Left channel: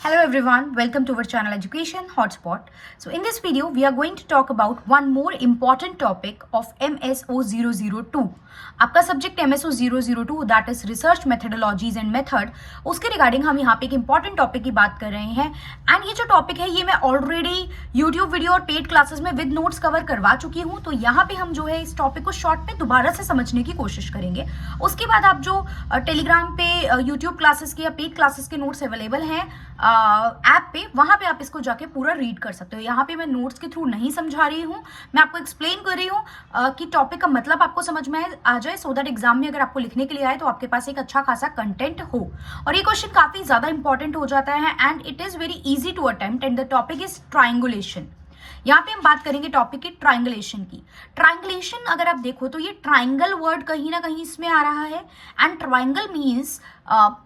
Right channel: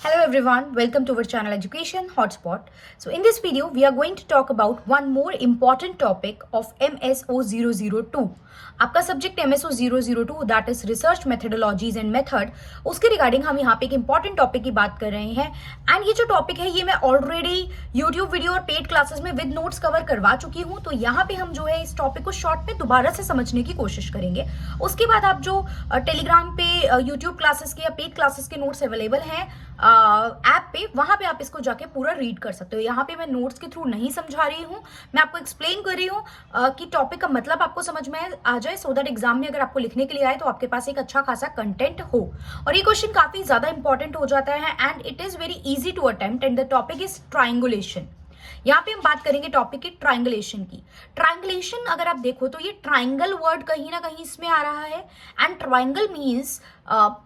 Hello everyone, welcome to our channel Education Hotspot. So in this video, we are going to talk about one more important topic of MSO 002. आपका subject MSO 002 that is research methodologies and method, उसके regarding हम यहाँ पे एक important topic की बात कर रहे हैं। एंड ये जो टॉपिक है ये मैं ऑलरेडी यूट्यूब वीडियो और पेड क्लासेस में विद नोट्स कवर करवा चुकी हूँ। तो यहाँ पे हम जो है इस टॉपिक को शॉर्ट में दोबारा से समझने की कोशिश करेंगे। उसके बाद आप जो टेलीग्राम पे यूट्यूब क्लासेस के या पेड क्लासेस के नोट्स अवेलेबल हैं ऐप पे, वहां पे आप इसको जाके पूरा रीड कर सकते हो। यहाँ पे मैं नोट्स के थ्रू नहीं समझा रही हूँ, मैं आपको एक्सप्लेन कर रही हूँ कि टॉपिक का मतलब आपको समझ में आ जाए, सो दैट एग्जाम में अगर आपको लिखने के लिए आए तो आपके पास एक अच्छा खासा कंटेंट हो। और ये क्वेश्चन काफी ज्यादा इंपॉर्टेंट हो जाता है and it is very easy to attempt and the topic is triangulation. यहाँ पे हम बात करेंगे टॉपिक की ट्राइंगुलेशन की। ट्राइंगुलेशन अगर आप देखो तो ये ट्राइंगल वर्ड कहीं ना कहीं इसमें आ रहा है। एंड ट्राइंगल मीन्स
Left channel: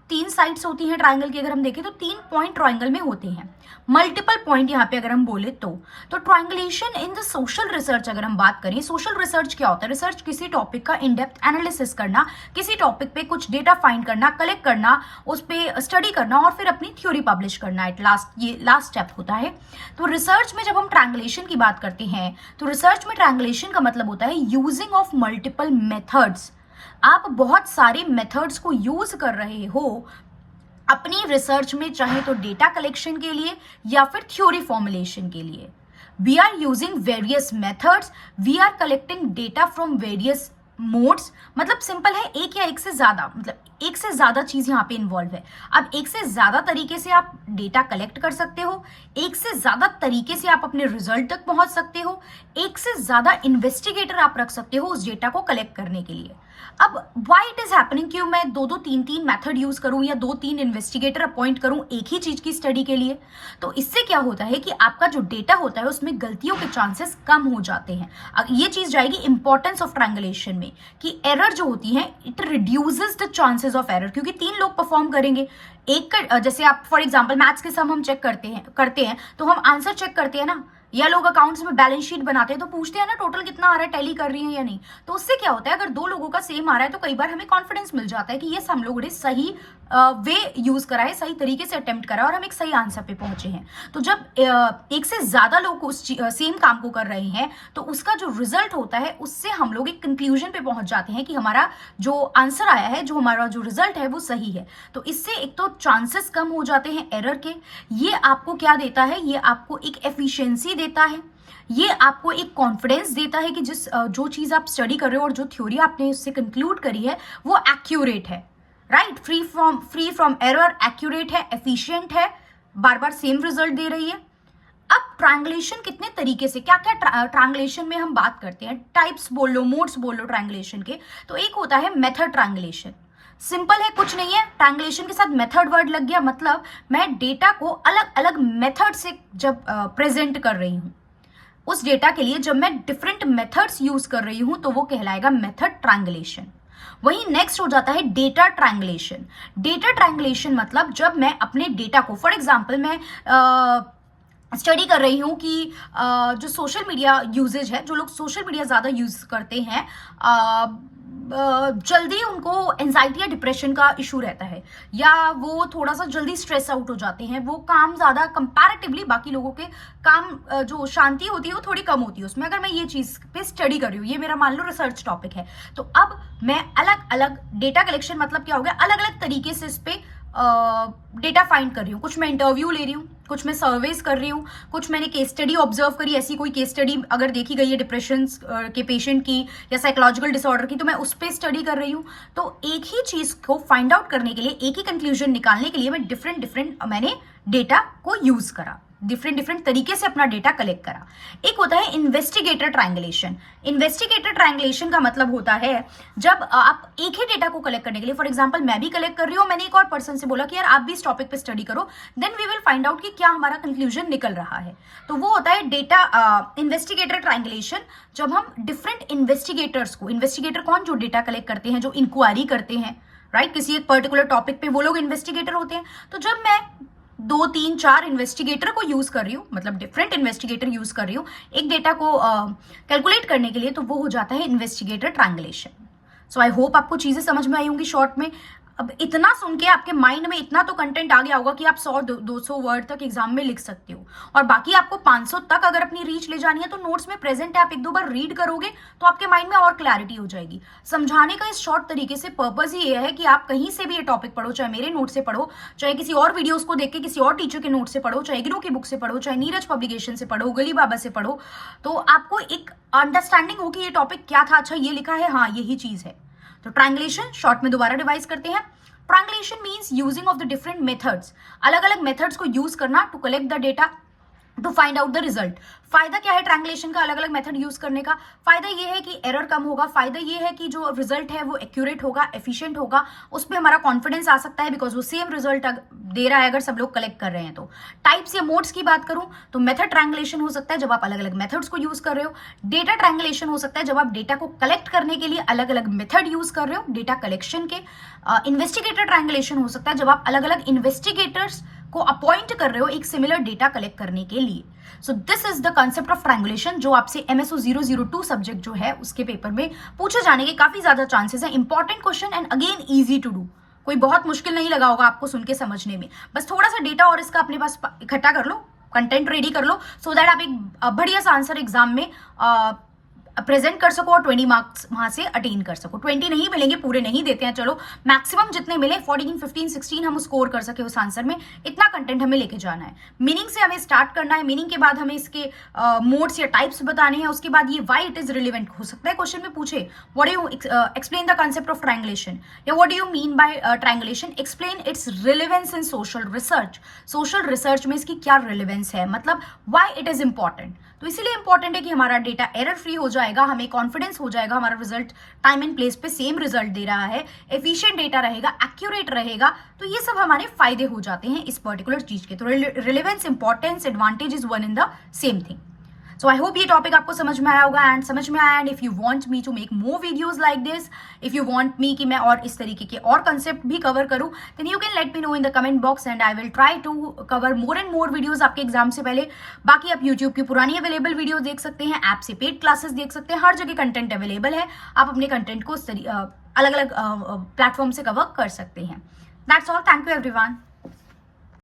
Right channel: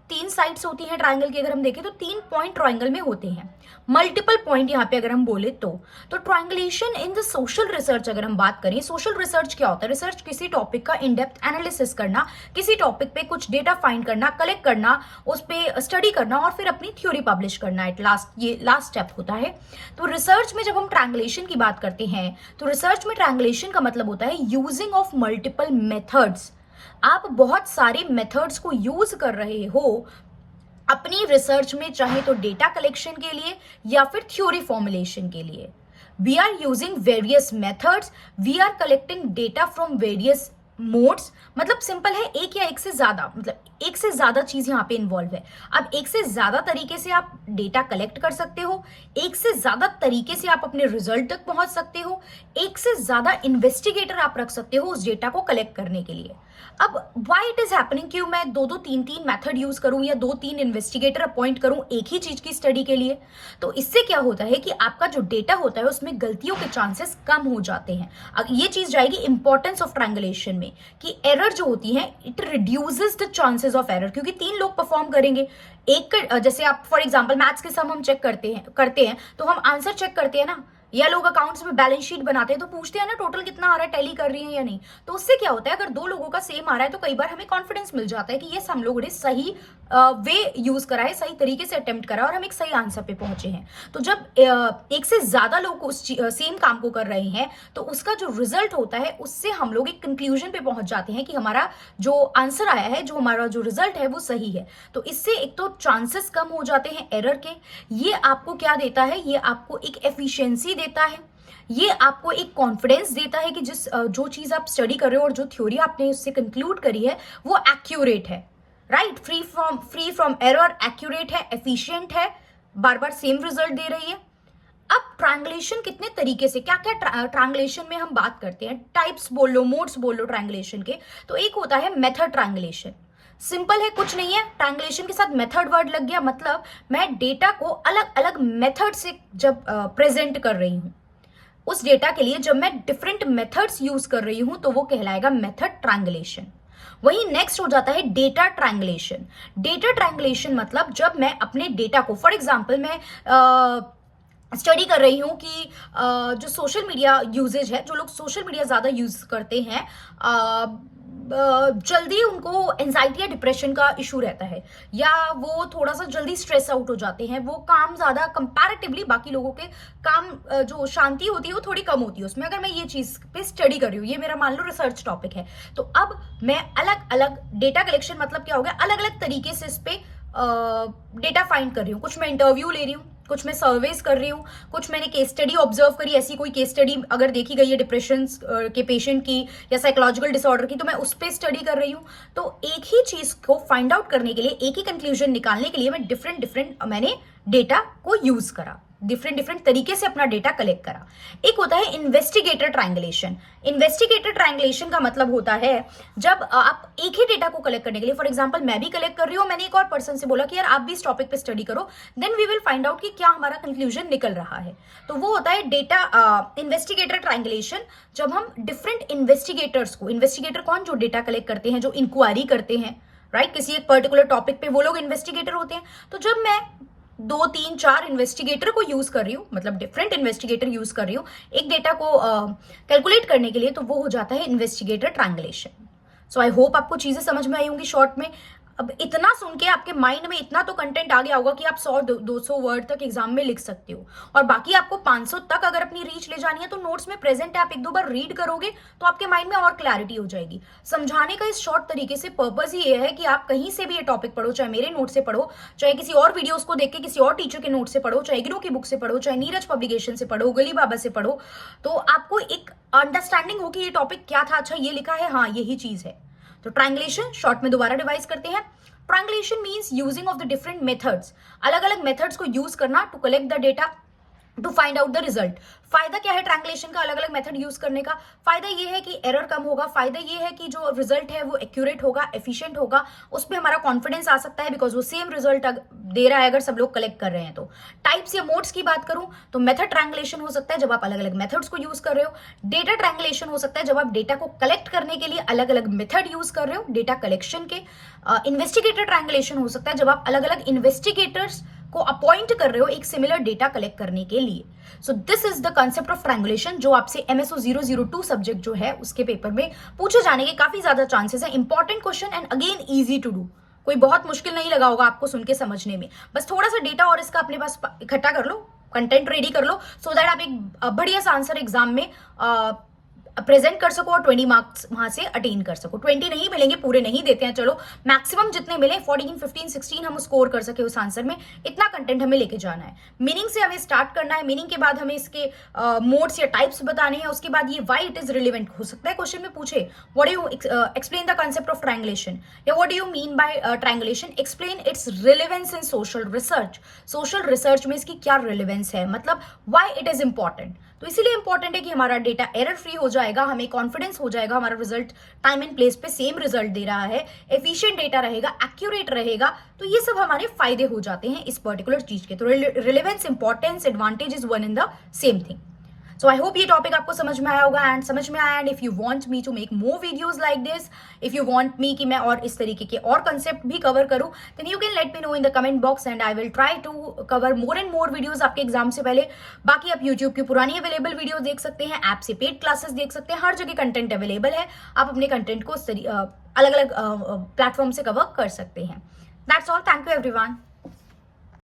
तीन साइड्स होती हैं ट्राइंगल की। अगर हम देखें तो 3 पॉइंट ट्राइंगल में होते हैं, मल्टीपल पॉइंट यहाँ पे अगर हम बोले तो triangulation in the social research अगर हम बात करें, सोशल रिसर्च क्या होता है? रिसर्च किसी टॉपिक का इन डेप्थ एनालिसिस करना, किसी टॉपिक पे कुछ डेटा फाइंड करना, कलेक्ट करना, उस पे स्टडी करना और फिर अपनी थ्योरी पब्लिश करना। एट लास्ट ये लास्ट स्टेप होता है। तो रिसर्च में जब हम ट्राइंगुलेशन की बात करते हैं तो रिसर्च में ट्राइंगुलेशन का मतलब होता है यूजिंग ऑफ मल्टीपल मेथड्स। आप बहुत सारे मेथड्स को यूज कर रहे हो अपनी रिसर्च में, चाहे तो डेटा कलेक्शन के लिए या फिर थ्योरी फॉर्मुलेशन के लिए। We are using various methods, we are collecting data from various modes. मतलब सिंपल है, एक या एक से ज्यादा, मतलब एक से ज्यादा चीज यहाँ पे इन्वॉल्व है। अब एक से ज्यादा तरीके से आप डेटा कलेक्ट कर सकते हो, एक से ज्यादा तरीके से आप अपने रिजल्ट तक पहुंच सकते हो, एक से ज्यादा इन्वेस्टिगेटर आप रख सकते हो उस डेटा को कलेक्ट करने के लिए। अब व्हाई इट इज हैपनिंग, क्यों मैं दो तीन मेथड यूज करूं या 2-3 इन्वेस्टिगेटर अपॉइंट करूं एक ही चीज की स्टडी के लिए? तो इससे क्या होता है कि आपका जो डेटा होता है उसमें गलतियों के चांसेस कम हो जाते हैं। अब ये चीज जाएगी इंपॉर्टेंस ऑफ ट्रायंगुलेशन में कि एरर जो होती है it reduces the chances of error, क्योंकि 3 लोग परफॉर्म करेंगे। एक जैसे आप फॉर एग्जांपल मैथ्स के सम हम चेक करते हैं तो हम आंसर चेक करते हैं ना, या लोग अकाउंट्स में बैलेंस शीट बनाते हैं तो पूछते हैं ना टोटल कितना आ रहा है, टैली कर रही है या नहीं। तो उससे क्या होता है, अगर 2 लोगों का सेम आ रहा है तो कई बार हमें कॉन्फिडेंस मिल जाता है कि ये हम लोगों ने सही वे यूज करा है, सही तरीके से अटेम्प्ट करा और हम एक सही आंसर पे पहुंचे हैं। तो जब एक से ज्यादा लोग उस सेम काम को कर रहे हैं तो उसका जो रिजल्ट होता है उससे हम लोग एक कंक्लूजन पे पहुंच जाते हैं कि हमारा जो आंसर आया है, जो हमारा जो रिजल्ट है वो सही है। तो इससे एक तो चांसेस कम हो जाते हैं एरर के। ये आपको क्या देता है? ये आपको एक एफिशिएंसी देता है, ये आपको एक कॉन्फिडेंस देता है कि जो चीज आप स्टडी कर रहे हो और जो थ्योरी आपने उससे कंक्लूड करी है वो एक्यूरेट है, right? Free from error, accurate है, एफिशिएंट है, बार बार सेम रिजल्ट दे रही है। अब ट्रायंगुलेशन कितने तरीके से, क्या क्या ट्रायंगुलेशन में हम बात करते हैं, टाइप्स बोल लो, मोड्स बोल लो ट्रायंगुलेशन के। तो एक होता है मेथड ट्रायंगुलेशन। सिंपल है, कुछ नहीं है, ट्रायंगुलेशन के साथ मेथड वर्ड लग गया, मतलब मैं डेटा को अलग अलग मेथड से जब प्रेजेंट कर रही हूं, उस डेटा के लिए जब मैं डिफरेंट मेथड्स यूज कर रही हूं तो वो कहलाएगा मेथड ट्रायंगुलेशन। वही नेक्स्ट हो जाता है डेटा ट्रायंगुलेशन। डेटा ट्रायंगुलेशन मतलब जब मैं अपने डेटा को, फॉर एग्जांपल मैं स्टडी कर रही हूँ कि जो सोशल मीडिया यूजेज है, जो लोग सोशल मीडिया ज्यादा यूज करते हैं, जल्दी उनको एंजाइटी या डिप्रेशन का इशू रहता है, या वो थोड़ा सा जल्दी स्ट्रेस आउट हो जाते हैं, वो काम ज्यादा कंपैरेटिवली बाकी लोगों के काम जो शांति होती है वो थोड़ी कम होती है उसमें। अगर मैं ये चीज पे स्टडी कर रही हूँ, ये मेरा मान लो रिसर्च टॉपिक है, तो अब मैं अलग अलग डेटा कलेक्शन, मतलब क्या हो गया, अलग अलग तरीके से इस पे डेटा फाइंड कर रही हूँ। कुछ मैं इंटरव्यू ले रही हूँ, कुछ मैं सर्वेस कर रही हूँ, कुछ मैंने केस स्टडी ऑब्जर्व करी, ऐसी कोई केस स्टडी अगर देखी गई है डिप्रेशन के पेशेंट की या साइकोलॉजिकल डिसऑर्डर की, तो मैं उस पर स्टडी कर रही हूँ। तो एक ही चीज को फाइंड आउट करने के लिए, एक ही कंक्लूजन निकालने के लिए मैं डिफरेंट मैंने डेटा को यूज करा, डिफरेंट तरीके से अपना डेटा कलेक्ट करा। एक होता है इन्वेस्टिगेटर ट्रायंगुलेशन। इन्वेस्टिगेटर ट्रायंगुलेशन का मतलब होता है जब आप एक ही डेटा को कलेक्ट करने के लिए, फॉर एग्जांपल मैं भी कलेक्ट कर रही हूँ, मैंने एक और पर्सन से बोला कि यार आप भी इस टॉपिक पे स्टडी करो, then we will find out कि क्या हमारा कंक्लूजन निकल रहा है। तो वो होता है डेटा इन्वेस्टिगेटर ट्रायंगुलेशन। जब हम डिफरेंट इन्वेस्टिगेटर्स को, इन्वेस्टिगेटर कौन? जो डेटा कलेक्ट करते हैं, जो इंक्वायरी करते हैं, राइट? किसी एक पर्टिकुलर टॉपिक पे वो लोग इन्वेस्टिगेटर होते हैं। तो जब मैं 2-3-4 इन्वेस्टिगेटर को यूज कर रही हूँ, मतलब डिफरेंट इन्वेस्टिगेटर यूज कर रही हूँ एक डेटा को कैलकुलेट करने के लिए, तो वो हो जाता है investigator triangulation. So I hope आपको चीजें समझ में आई होंगी शॉर्ट में। अब इतना सुन के आपके माइंड में इतना तो कंटेंट आ गया होगा कि आप 100-200 वर्ड तक एग्जाम में लिख सकते हो, और बाकी आपको 500 तक अगर अपनी रीच ले जानी है तो नोट्स में प्रेजेंट है, आप एक दो बार रीड करोगे तो आपके माइंड में और क्लैरिटी हो जाएगी। समझाने का इस शॉर्ट तरीके से पर्पज ही ये है कि आप कहीं से भी ये टॉपिक पढ़ो, चाहे मेरे नोट से पढ़ो, चाहे किसी और वीडियोस को देख के किसी और टीचर के नोट से पढ़ो, चाहे इग्नू की बुक से पढ़ो, चाहे नीरज पब्लिकेशन से पढ़ो, गली बाबा से पढ़ो, तो आपको एक अंडरस्टैंडिंग हो कि ये टॉपिक क्या था, अच्छा ये लिखा है, हाँ यही चीज है। तो ट्रायंगुलेशन शॉर्ट में दोबारा रिवाइज करते हैं। Triangulation means using of the different methods, अलग अलग मेथड्स को यूज करना to collect the data to find out the result. फायदा क्या है ट्रायंगुलेशन का अलग अलग मेथड यूज करने का? फायदा ये है कि एरर कम होगा, फायदा ये है कि जो रिजल्ट है वो एक्यूरेट होगा, एफिशिएंट होगा, उस पर हमारा कॉन्फिडेंस आ सकता है बिकॉज वो सेम रिजल्ट दे रहा है अगर सब लोग कलेक्ट कर रहे हैं तो। टाइप्स या मोड्स की बात करूं तो मेथड ट्रायंगुलेशन हो सकता है जब आप अलग अलग मेथड्स को यूज कर रहे हो। डेटा ट्रायंगुलेशन हो सकता है जब आप डेटा को कलेक्ट करने के लिए अलग अलग मेथड यूज कर रहे हो डेटा कलेक्शन के। इन्वेस्टिगेटर ट्रायंगुलेशन हो सकता है जब आप अलग अलग इन्वेस्टिगेटर्स को अपॉइंट कर रहे हो एक सिमिलर डेटा कलेक्ट करने के लिए। So this is the concept of triangulation जो आपसे MSO 002 सब्जेक्ट जो है उसके पेपर में पूछे जाने के काफी ज्यादा चांसेस है। Important question and again easy to do, कोई बहुत मुश्किल नहीं लगा होगा आपको सुन के समझने में, बस थोड़ा सा डेटा और इसका अपने पास इकट्ठा कर लो, कंटेंट रेडी कर लो, सो दैट आप एक बढ़िया सा आंसर एग्जाम में प्रेजेंट कर सको और 20 मार्क्स वहां से अटेन कर सको। 20 नहीं मिलेंगे, पूरे नहीं देते हैं, चलो मैक्सिमम जितने मिले 14, 15, 16 हम स्कोर कर सके उस आंसर में, इतना कंटेंट हमें लेके जाना है। मीनिंग से हमें स्टार्ट करना है, मीनिंग के बाद हमें इसके मोड्स या टाइप्स बताने हैं, उसके बाद ये व्हाई इट इज रिलेवेंट हो सकता है क्वेश्चन में पूछे, what do you explain the concept of triangulation या what do you mean by triangulation, explain its relevance in social research. Social research में इसकी क्या रिलेवेंस है, मतलब व्हाई इट इज इंपॉर्टेंट। तो इसीलिए इंपॉर्टेंट है कि हमारा डेटा एरर फ्री हो जाएगा, हमें कॉन्फिडेंस हो जाएगा हमारा रिजल्ट टाइम एंड प्लेस पे सेम रिजल्ट दे रहा है, एफिशिएंट डेटा रहेगा, एक्यूरेट रहेगा, तो ये सब हमारे फायदे हो जाते हैं इस पर्टिकुलर चीज के। तो relevance, importance, advantage is one in the same thing. So I hope ये टॉपिक आपको समझ में आया होगा एंड समझ में आया। And if you want me to make more videos like this, if you want me कि मैं और इस तरीके के और कंसेप्ट भी कवर करूं, then you can let me know in the comment box and I will try to cover more and more videos आपके एग्जाम से पहले। बाकी आप यूट्यूब की पुरानी अवेलेबल वीडियो देख सकते हैं, ऐप से पेड क्लासेस देख सकते हैं, हर जगह कंटेंट अवेलेबल है, आप अपने कंटेंट को अलग अलग प्लेटफॉर्म से कवर कर सकते हैं। That's all, thank you everyone.